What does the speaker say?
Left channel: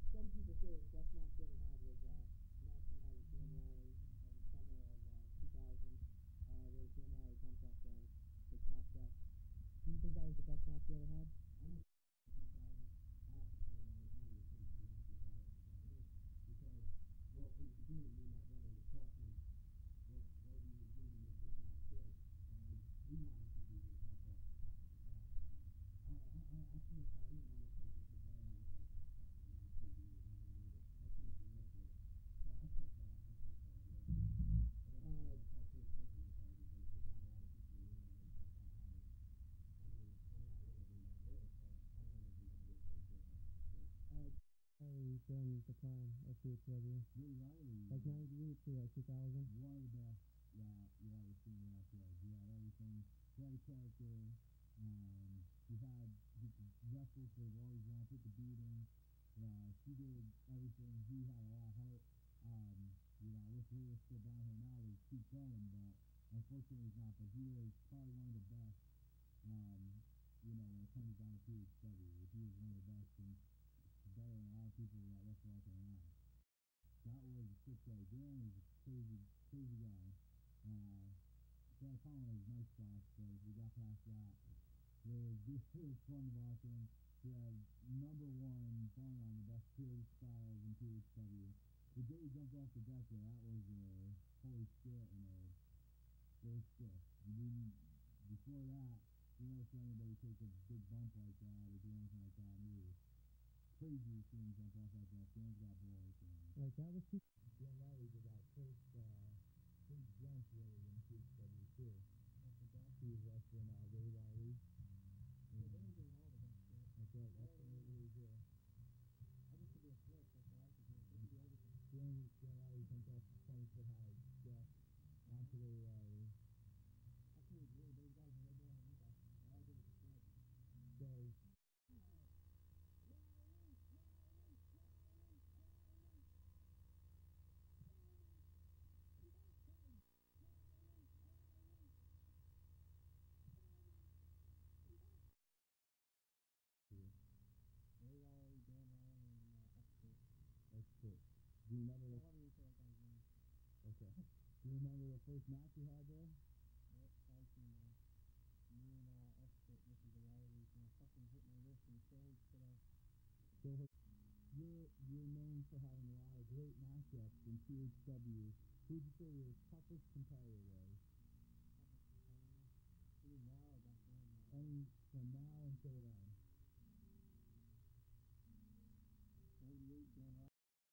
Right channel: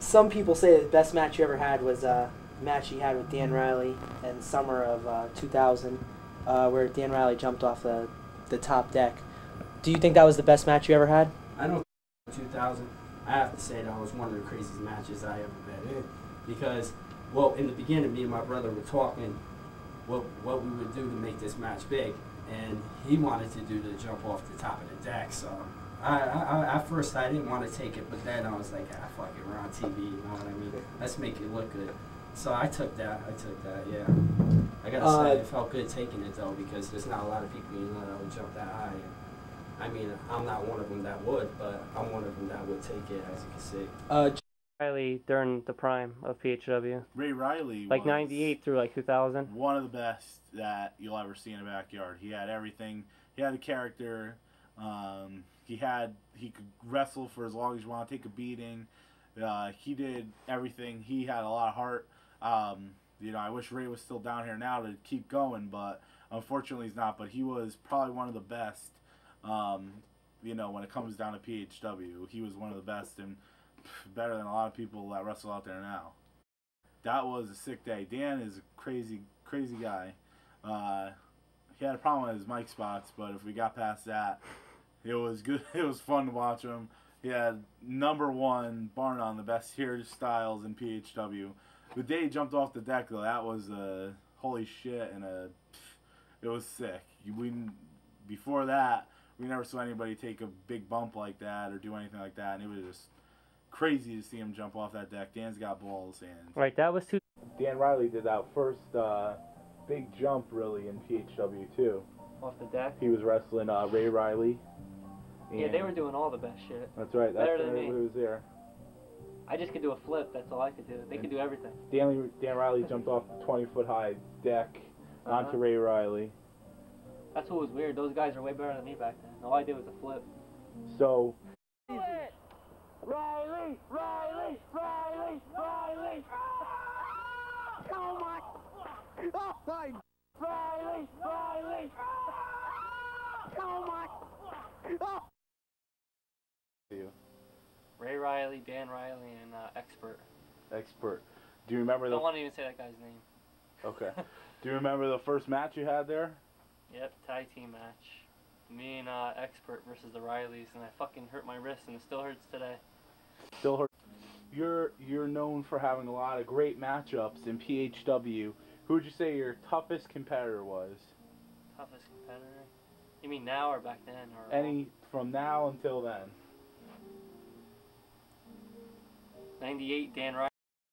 Some people say the best match you ever had was a match you had with Dan Riley in summer of 2000, where Dan Riley jumped off the top deck. Do you think that was the best match you ever had? I don't 2000. I have to say that was one of the craziest matches I ever been in because, well, in the beginning, me and my brother were talking what we would do to make this match big, and he wanted to do the jump off the top of the deck. So at first I didn't want to take it, but then I was like, fuck it, we're on TV, you know what I mean? Let's make it look good. So I took that, yeah. I gotta say, it felt good taking it though, because there's not a lot of people you know that would jump that high. And, I mean, I'm not one of them that would, but I'm one of them that would take it, as you can see. Riley during the prime of PHW, Ray Riley like was '98 through like 2000. one of the best that you'll ever see in a backyard. He had everything. He had a character. He could wrestle for as long as you want, take a beating. He did everything. He had a lot of heart. I wish Ray was still down here now to keep going, but unfortunately he's not. But he was probably one of the best. When it comes down to PHW, he was one of the best and better than a lot of people that wrestle out there now. That was a sick day. Dan is a crazy, crazy guy. He had a problem with his mic spots, but if we got past that, it was good. It was fun to watch him. He had #1, bar none, the best hairstyles in PHW. The day he jumped off the deck, though, that was holy shit, and it was sick. Before that, we never saw anybody take a big bump like that or do anything like that, and it was just crazy to see him jump off that deck. Dan's got balls, and Right, that was Dan Riley did that first big jump really in PHW too. off the deck. He was wrestling Ray Riley. Yeah, they were doing all the best shit. That's right. That's better than me. Everybody was there. I just could do a flip. That's all I could do. They could do everything. Dan Riley jumped off the 20-foot high deck onto Ray Riley. That's what was weird. Those guys are way better than me back then. All I did was a flip. So. Riley! Riley! Riley! Riley! Oh my! Oh my! Riley! Riley! Oh my! Oh. Ray Riley, Dan Riley, and Expert. Expert. Do you remember I don't want to even say that guy's name. Okay. Do you remember the first match you had there? Yep, tag team match. Me and Expert versus the Rileys, and I fucking hurt my wrist, and it still hurts today. Still hurt. You're known for having a lot of great matchups in PHW. Who would you say your toughest competitor was? Toughest competitor? You mean now or back then? Or any from now until then? '98 Dan Riley.